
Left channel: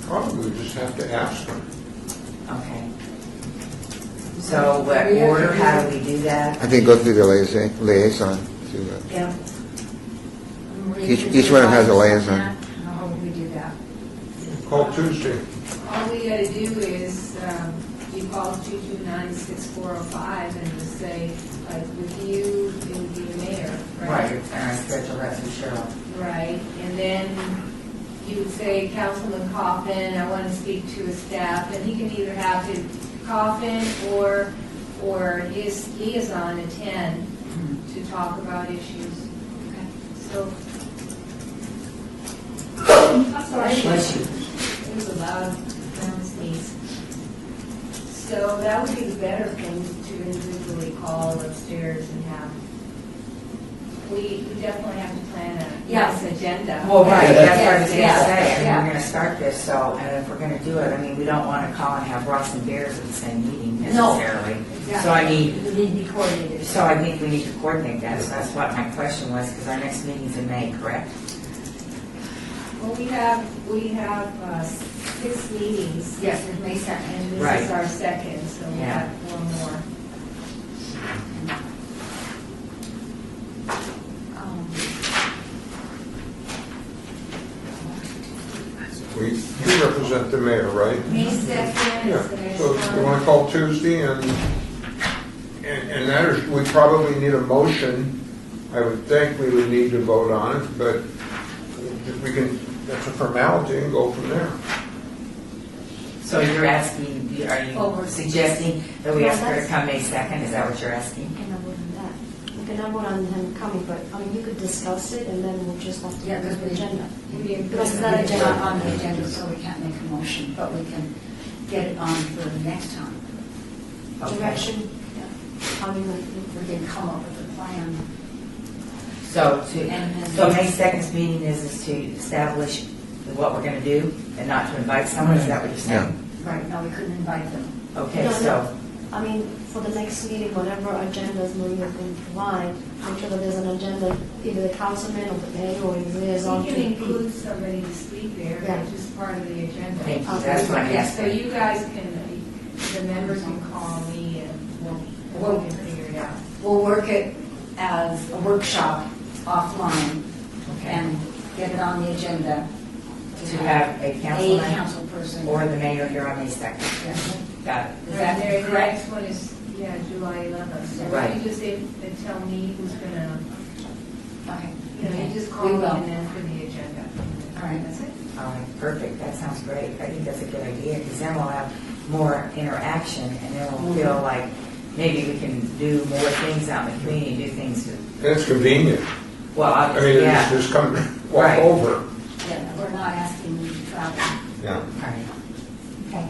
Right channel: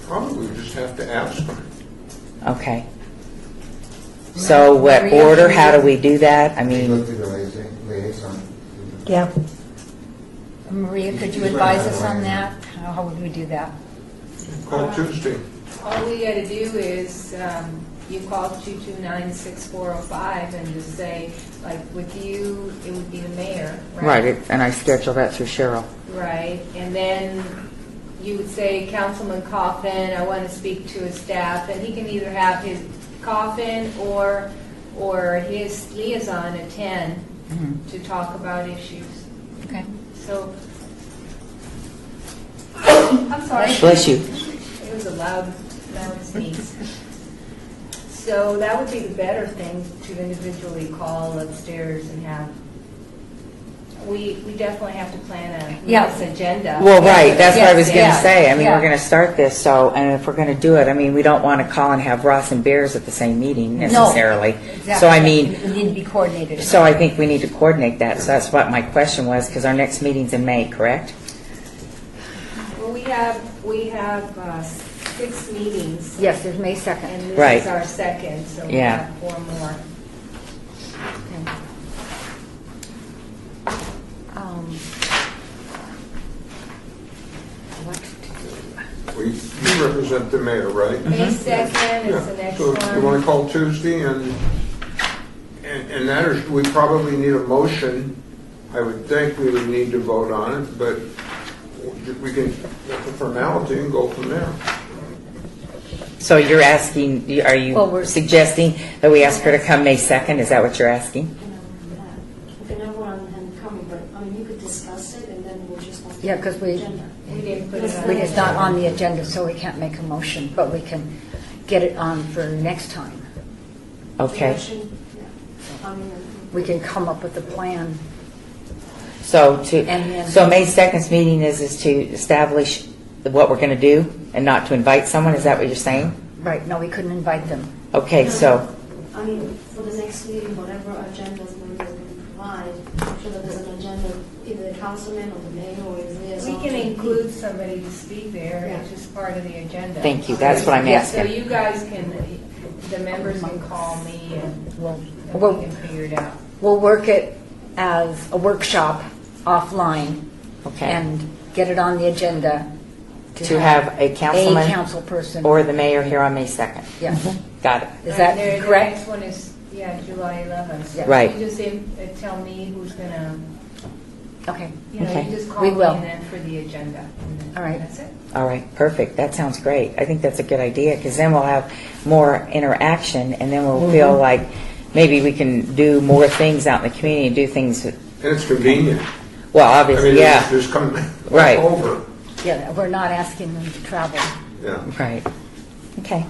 Probably just have to ask them. Okay. So what order, how do we do that? I think go through the liaison. Yeah. Maria, Each- could you each one has advise a us on liaison. that? How would we do that? Call Tuesday. All we gotta do is, you call 229-6405 and just say, like, with you, it would be the mayor, right? Right, and I schedule that through Cheryl. Right, and then you would say, Councilman Coffin, I want to speak to his staff, and he can either have his Coffin or his liaison attend to talk about issues. Okay. So, I'm sorry. Bless you. It was a loud sneeze. So that would be the better thing to individually call upstairs and have. We definitely have to plan a Yeah. nice agenda. Well, right, that's what I was Yes, going to yeah, say. I mean, yeah. we're going to start this, so, and if we're going to do it, I mean, we don't want to call and have Ross and Bears at the same meeting necessarily. So I mean, We need to be coordinated. so I think we need to coordinate that. So that's what my question was, because our next meeting's in May, correct? Well, we have 6 meetings. Yes, there's May 2nd. And Right. this is our second, so we Yeah. have 4 more. You represent the mayor, right? May 2nd is the Yeah, next so you want one. to call Tuesday, and that is, we probably need a motion. I would think we would need to vote on it, but we can, it's a formality and go from there. So you're asking, are Well, we're- you suggesting that we ask her to come May 2nd? Is that what you're asking? And I'm with that. We can have one on him coming, but I mean, you could discuss it and then we'll just have to. Yeah, 'cause we- Agenda. We didn't put Because it it's on. not It's not on the agenda, so we can't make a motion, but we can get it on for next time. Okay. Election, yeah. I mean, like, We can come up with a plan. So And then- so May 2nd's meeting is to establish what we're going to do and not to invite someone? Is that what you're saying? Right, no, we couldn't invite them. Okay, no, so, I mean, for the next meeting, whatever agendas Maria is going to provide, make sure that there's an agenda, either the councilman or the mayor or his liaison. We to can be- include somebody to speak there, Yeah. it's just part of the agenda. thank you, that's what I'm Yeah, So asking. you guys can, the members can call me We'll, and we'll, we can figure it out. we'll work it as a workshop offline Okay. and get it on the agenda. To have a councilman council person. or the mayor here on May 2nd. Yeah. Got it. Is that And there- correct? The next one is, yeah, July 11th. Yeah. Right. You just tell me who's gonna, Okay, you know, Okay. you just call We me will. and then for the agenda. All right. That's it. All right, perfect. That sounds great. I think that's a good idea because then we'll have more interaction and then we'll feel like maybe we can do more things out in the community and do things, And it's convenient. well, I obviously, mean, yeah. just come Right. over. yeah, we're not asking them to travel. Yeah. Right. Okay.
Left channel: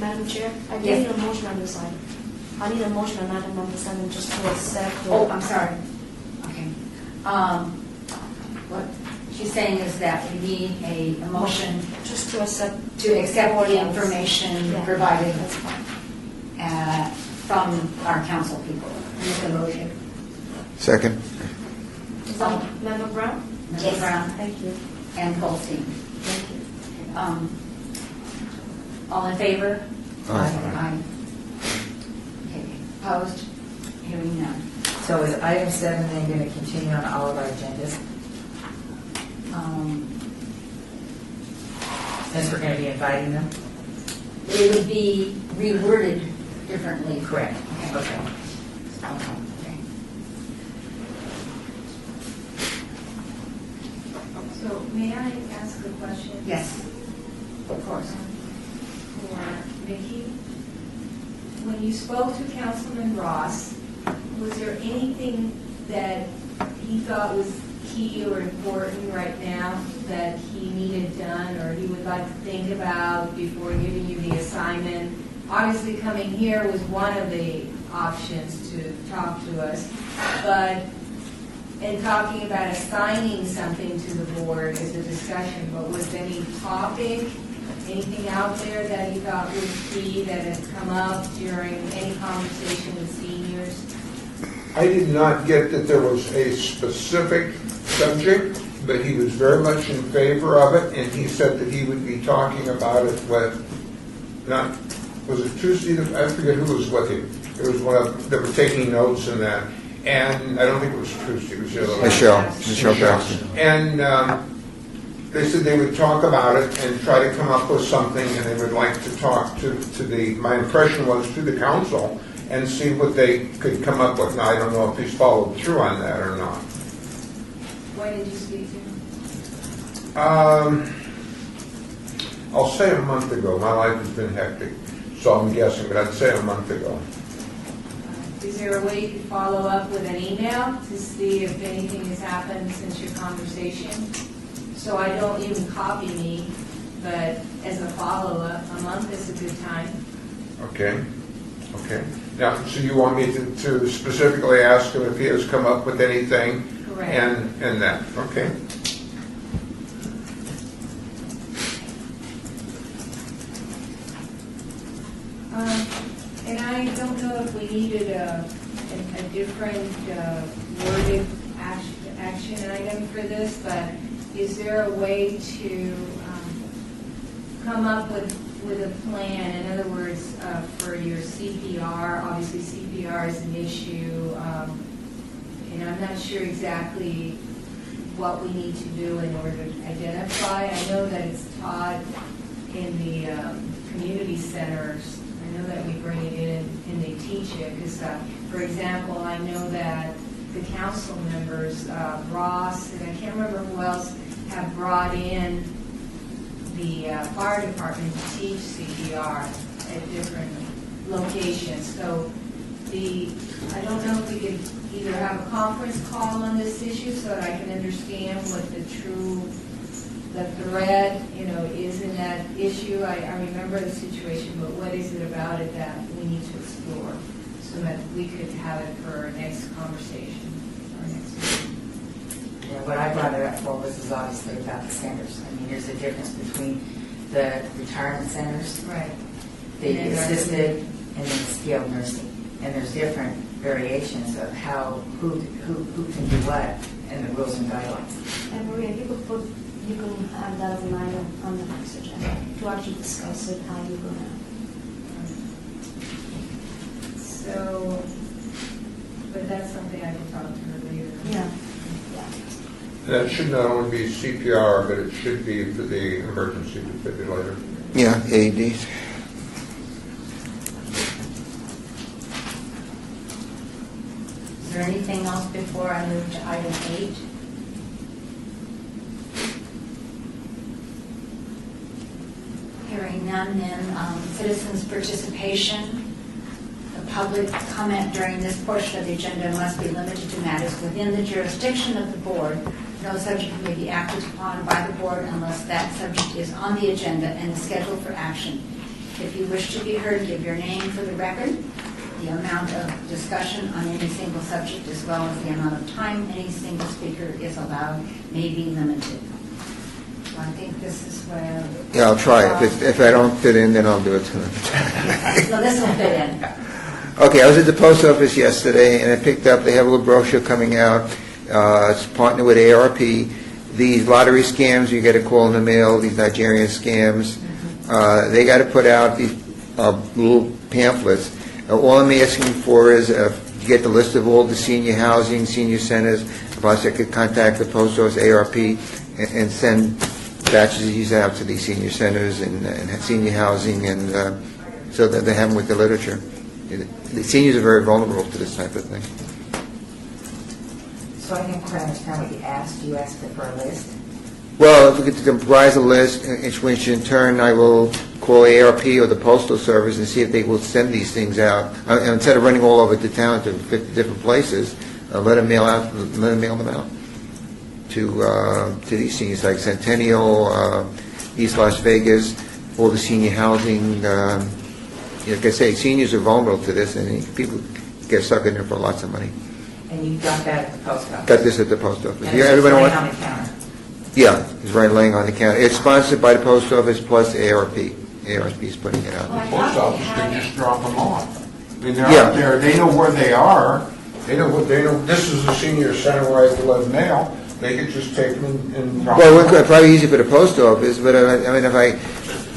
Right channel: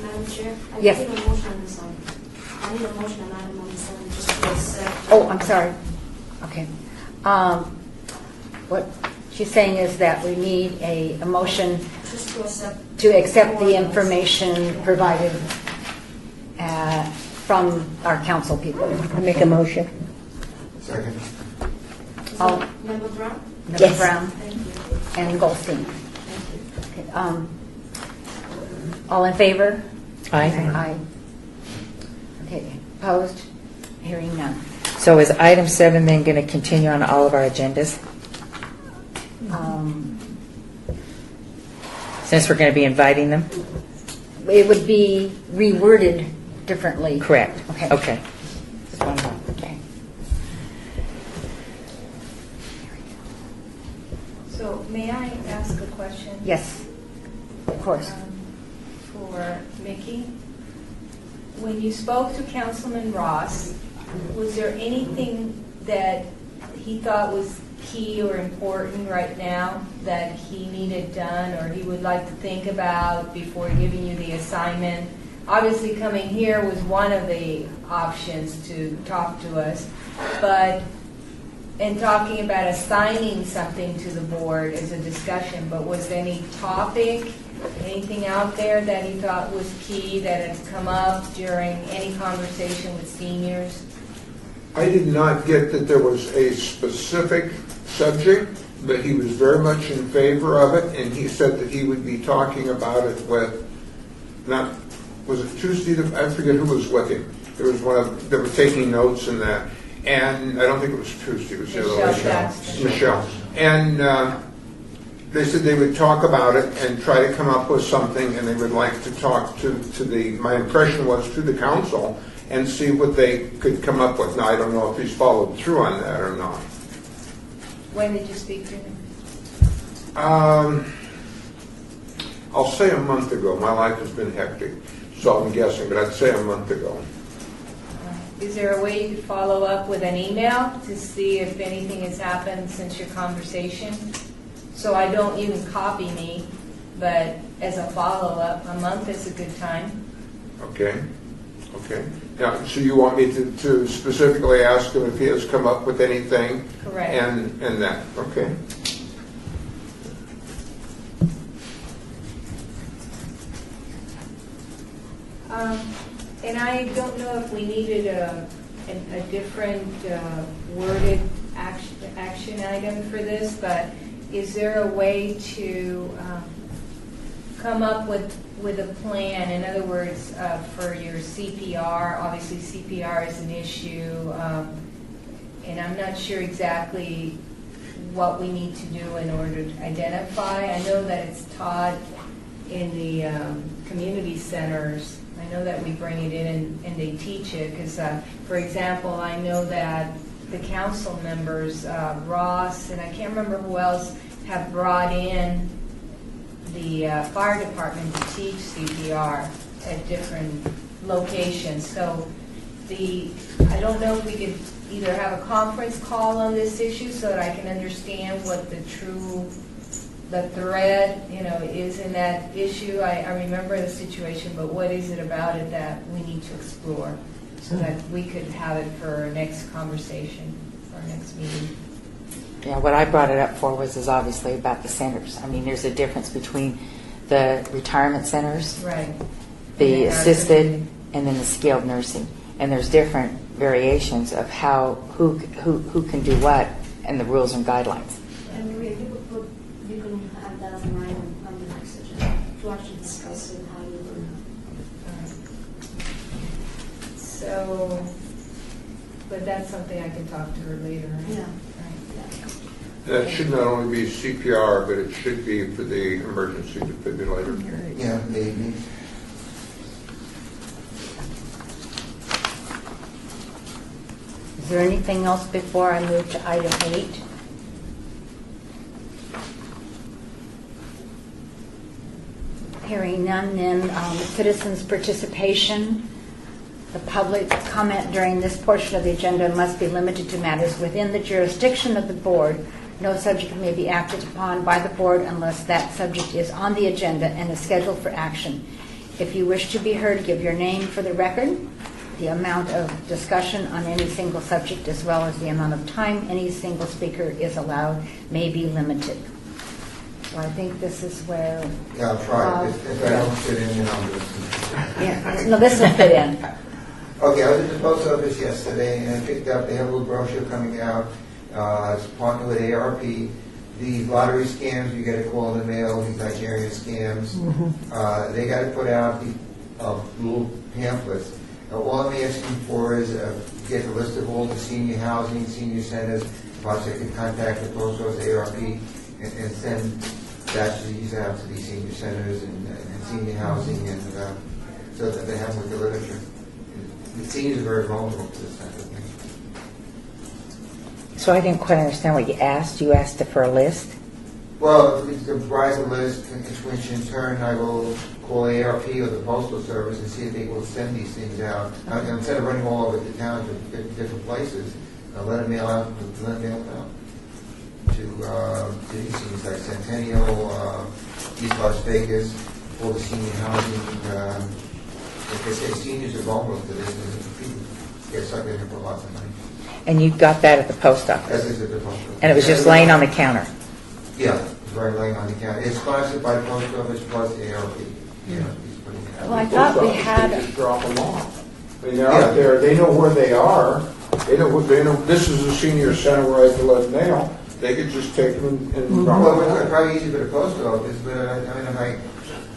Madam Chair, I Yes. need a motion on this item. I need a motion on item number 7 just to accept. Oh, I'm sorry. Okay. What she's saying is that we need a motion Just to accept. to accept the ordinance. information Yeah. provided from our council people. Make a motion. Second. Is that Member Brown? Member Yes. Brown Thank you. and Goldstein. Thank you. Okay, all in favor? Aye. Aye. Okay, opposed? Hearing none. So is item 7 then going to continue on all of our agendas Um, since we're going to be inviting them? It would be reworded differently. Correct. Okay. Okay. Okay. So may I ask a question? Yes, of course. For Mickey? When you spoke to Councilman Ross, was there anything that he thought was key or important right now that he needed done or he would like to think about before giving you the assignment? Obviously, coming here was one of the options to talk to us, but in talking about assigning something to the board is a discussion, but was there any topic, anything out there that he thought was key that had come up during any conversation with seniors? I did not get that there was a specific subject, but he was very much in favor of it, and he said that he would be talking about it with, not, was it Tuesday? I forget who was with him. There was one of, they were taking notes and that, and I don't think it was Tuesday, it was the other one. Michelle Johnson. And they said they would talk about it and try to come up with something, and they would like to talk to the, my impression was to the council, and see what they could come up with. Now, I don't know if he's followed through on that or not. When did you speak to him? I'll say a month ago. My life has been hectic, so I'm guessing, but I'd say a month ago. Is there a way to follow up with an email to see if anything has happened since your conversation? So I don't even copy me, but as a follow-up, a month is a good time. Okay? Okay. Now, so you want me to specifically ask him if he has come up with anything? Correct. And that, okay. And I don't know if we needed a different worded action item for this, but is there a way to come up with a plan? In other words, for your CPR, obviously CPR is an issue, and I'm not sure exactly what we need to do in order to identify. I know that it's taught in the community centers. I know that we bring it in and they teach it, because, for example, I know that the council members, Ross, and I can't remember who else, have brought in the fire department to teach CPR at different locations. So I don't know if we could either have a conference call on this issue so that I can understand what the thread, is in that issue. I remember the situation, but what is it about it that we need to explore so that we could have it for our next conversation, our next meeting? Yeah, what I brought it up for is obviously about the centers. I mean, there's a difference between the retirement centers, Right. the And assisted, and then the skilled nursing. And there's different variations of who can do what, and the rules and guidelines. And Maria, you can have that as an item on the next agenda to actually discuss it, how you're gonna. So, but that's something I could talk to her later. Yeah. That should not only be CPR, but it should be for the emergency defibrillator. Yeah, AED. Is there anything else before I move to item 8? Hearing none, then citizens' participation. The public comment during this portion of the agenda must be limited to matters within the jurisdiction of the board. No subject may be acted upon by the board unless that subject is on the agenda and is scheduled for action. If you wish to be heard, give your name for the record. The amount of discussion on any single subject, as well as the amount of time any single speaker is allowed, may be limited. So I think this is where... Yeah, I'll try. If I don't fit in, then I'll do it tonight. No, this will fit in. Okay, I was at the post office yesterday, and I picked up, they have a little brochure coming out. It's partnered with ARP. These lottery scams, you get a call in the mail, these Nigerian scams, they got to put out these little pamphlets. All I'm asking for is get the list of all the senior housing, senior centers. Plus, I could contact the post office, ARP, and send batches of these out to these senior centers and senior housing, and so that they have them with the literature. The seniors are very vulnerable to this type of thing. So I didn't quite understand what you asked. You asked for a list? Well, if we could devise a list, which in turn I will call ARP or the Postal Service and see if they will send these things out. And instead of running all over the town to different places, let them mail them out to these seniors, like Centennial, East Las Vegas, all the senior housing. Like I say, seniors are vulnerable to this, and people get sucked in there for lots of money. And you got that at the post office? Got this at the post office. And it was just laying on the counter? Yeah, it's right laying on the counter. It's sponsored by the post office plus ARP. ARP is putting it Well, out. I thought we Post office, had... they just drop them off. I mean, they're Yeah. out there, they know where they are, they know, this is a senior center where I deliver mail, they could just take them and drop Well, them it's off. probably easy for the post office, but I mean, if I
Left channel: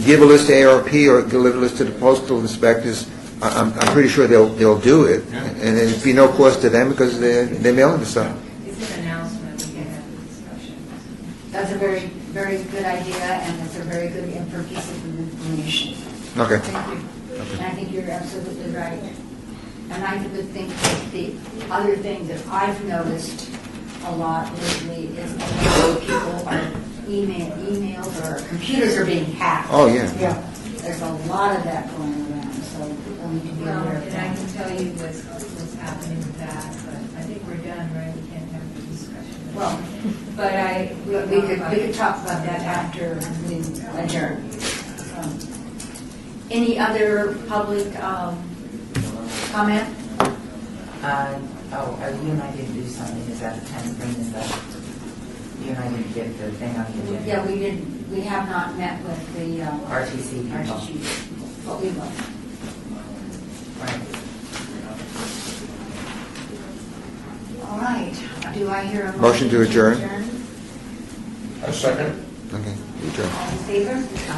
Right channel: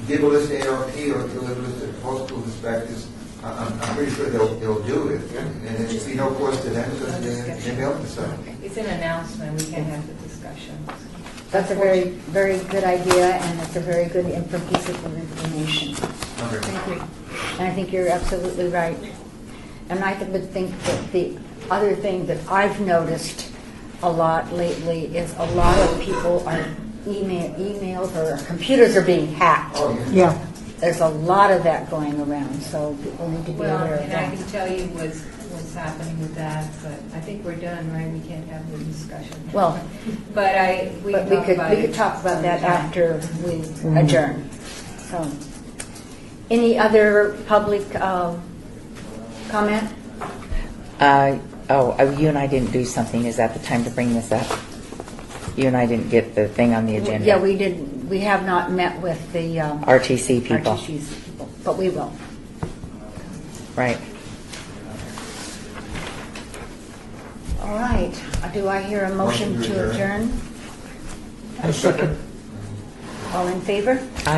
give a list to ARP or deliver a list to the postal inspectors, I'm pretty sure they'll do it. Yeah. And it'd be no cost to them because they're mailing the stuff. It's an announcement, we can have the discussion. That's a very, very good idea, and it's a very good piece of information. Okay. Thank you. And I think you're absolutely right. And I would think that the other thing that I've noticed a lot lately is a lot of people are emails or computers are being hacked. Oh, yeah. Yeah. There's a lot of that going around, so people need to be Well, aware of and I that. can tell you what's happening with that, but I think we're done, right? We can't have the discussion. Well, But we but we could talk about that after we adjourn. So, any other public comment? You and I didn't do something. Is that the time to bring this up? You and I didn't get the thing on the agenda. Yeah, we didn't. We have not met with the RTC people. RTC people, but we will. Right. All right. Do I hear a Motion motion to adjourn. A second. Okay. All in favor? I